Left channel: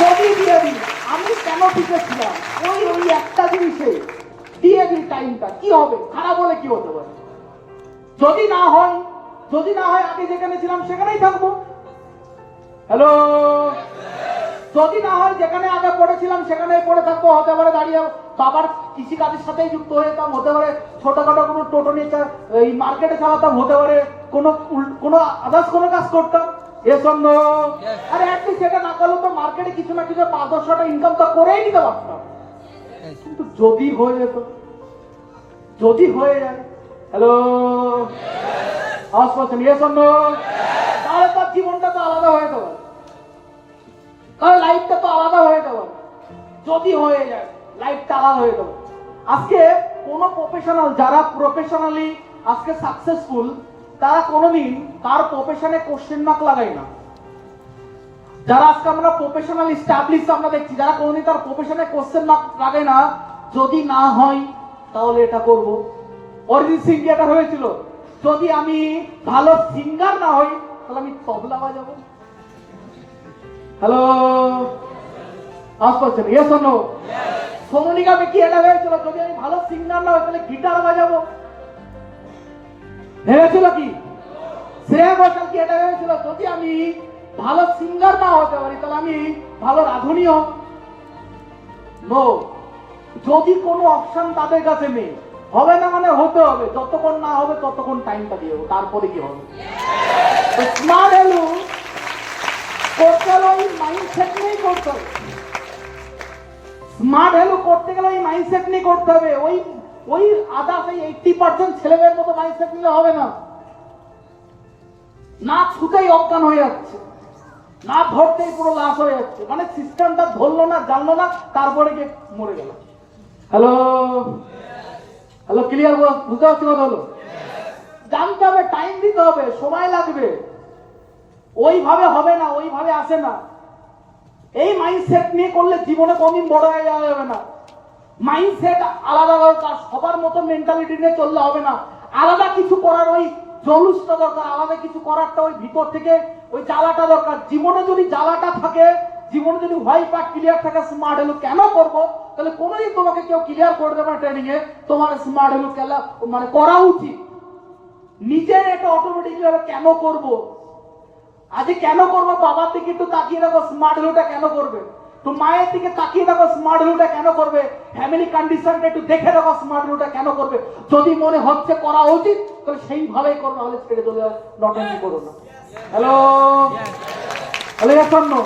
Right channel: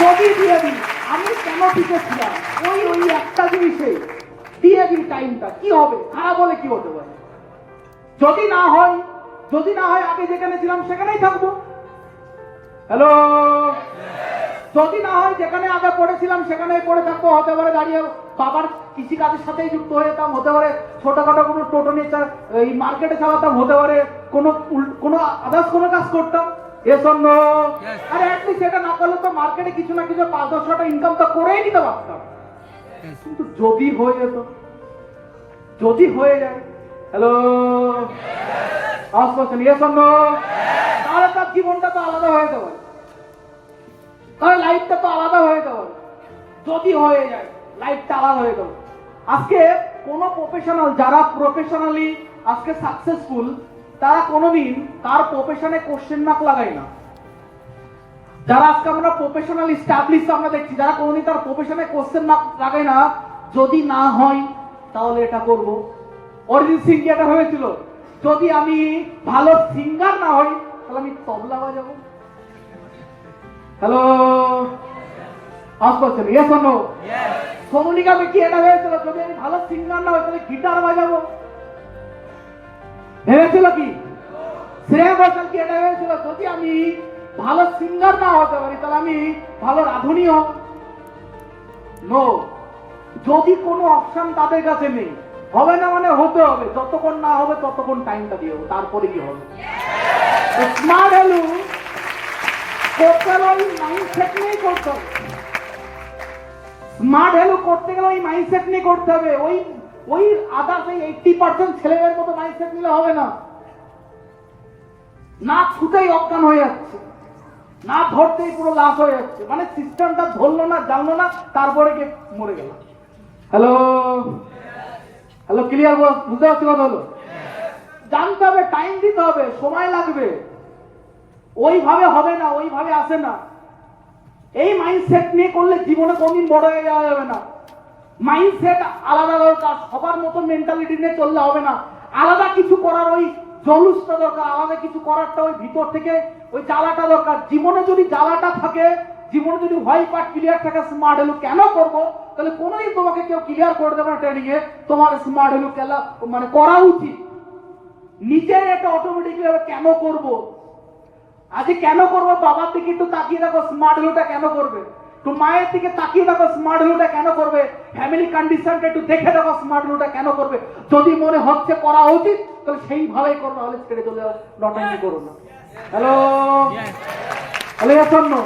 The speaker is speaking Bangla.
যদি দিয়ে দিই, আমি কেন টিকেছিলাম ওই ওই একটা জিনিসে দিয়ে দিই টাইমটা, কি হবে? খারাপ হলে কি হতে পারে? যদি না হয় আগে যেখানে ছিলাম সেখানেই থাকবো। হ্যালো, যদি না হয় যেখানে আগে পড়েছিলাম সেখানেই পড়ে থাকবো। হতে পারে দাঁড়িয়ে বাবার কৃষিকাজের সাথেই যুক্ত হয়ে যেতাম, হতে পারে ছোটখাটো কোনো টোটো নিয়ে এই মার্কেটে চালাতাম, হতে পারে কোনো আদার্স কোনো কাজ করতাম। আরে অ্যাটলিস্ট এটা না করলে তো মার্কেটে কিছু না কিছু 5-10 টাকা ইনকাম তো করেই নিতে পারতাম। কিন্তু যদি হয়ে যেত, যদি হয়ে যায়, হ্যালো তাহলে তার জীবনটা তো আলাদা হয়ে যাবে, তাহলে লাইফটা তো আলাদা হয়ে যাবে। যদি হয়ে যায় লাইফটা আলাদা হয়ে যাবে। আজকে কোন প্রফেশনাল যারা প্রফেশনালি আজকে সাকসেসফুল, তারা কোনোদিন তার প্রফেশনে কোশ্চেন মার্ক লাগায় না। যারা আজকে আমরা প্রফেশনাল এস্টাবলিশ আমরা দেখছি, যারা কোনোদিন তার প্রফেশনে কোশ্চেন মার্ক লাগায় না, যদি না হয় তাহলে এটা করব। অরিজিৎ সিং যেটা হয়েছিল, যদি আমি ভালো সিঙ্গার না হই তাহলে আমি তবলা বাজাবো। হ্যালো, সোমনিকা কি এটা হয়েছিল, যদি আমি ভালো সিঙ্গার না হই তাহলে গিটার বাজাবো। ভেবেছিল কি? শ্রেয়া ঘোষাল কি এটা হয়েছিল, যদি আমি ভালো সিঙ্গার না হতে পারি তাহলে আমি ভালো রাঁধুনি হব? নো। যদি কোনো অপশন তাদের কাছে নেই, হবে না মানে হতে হবে, যতক্ষণ না হবে ততক্ষণ টাইমটা দিয়ে হবে, তারপরে কি হবে? স্মার্ট ভ্যালু করতে গেলে ওই মাইন্ডসেট নিয়েই করতে হবে। স্মার্ট ভ্যালু করতে গেলে ওই মাইন্ডসেট নিয়ে করতে হবে। ওই আদার্স 80% ছেলেদের মতো মাইন্ডসেট নিলে হবে না। না ছুটেই অজ্ঞান হয়ে যাচ্ছে, না ধরতেই পুরো লাশ হয়ে যাচ্ছে, মানে সিস্টেমটা ধরলো না, জানলো না, তারপরে গিয়ে মরে গেল। Hello hello, clear? বুঝতে পারছি কথা হলো? জানতে হবে, টাইম দিতে হবে, সময় লাগবে। ওইভাবে হবে না, ওইভাবে আসে না। এই মাইন্ডসেট নিয়ে করলে জীবনে কোনদিন বড় হয়ে যাওয়া যাবে না। মাইন্ডসেট আলাদা দরকার, সবার মতো মেন্টালিটি নিয়ে চললে হবে না। আলাদা কিছু করার ওই জলুসটা দরকার, আলাদা কিছু করারটা ওই ভিতর থেকে ওই জ্বালাটা দরকার। জীবনে যদি জ্বালাটা থাকে, জীবনে যদি হোয়াই পার্ট ক্লিয়ার থাকে, স্মার্ট ভ্যালু কেন করবো, তাহলে কোনোদিন তোমাকে কেউ ক্লিয়ার করে দেবে ট্রেনিং এ তোমার স্মার্ট ভ্যালু মানে করা উচিত। নিজের এটা অটোমেটিকলি হবে, কেন করবো আজকে, কেন করবো? বাবার দিকে একটু তাকিয়ে দেখো, স্মার্ট ভ্যালুটা কেন করবে? তো মায়ের দিকে তাকিয়ে দেখো, স্মার্ট ভ্যালুটা কেন করবে? ফ্যামিলি কন্ডিশনটা একটু দেখে দেখো, স্মার্ট ভ্যালুটা কেন করবে? যদি মনে হচ্ছে করা উচিত তাহলে সেইভাবেই করো, নাহলে ছেড়ে চলে যাও, নটাঙ্কি করো না। হ্যালো হ্যালো, শোনো।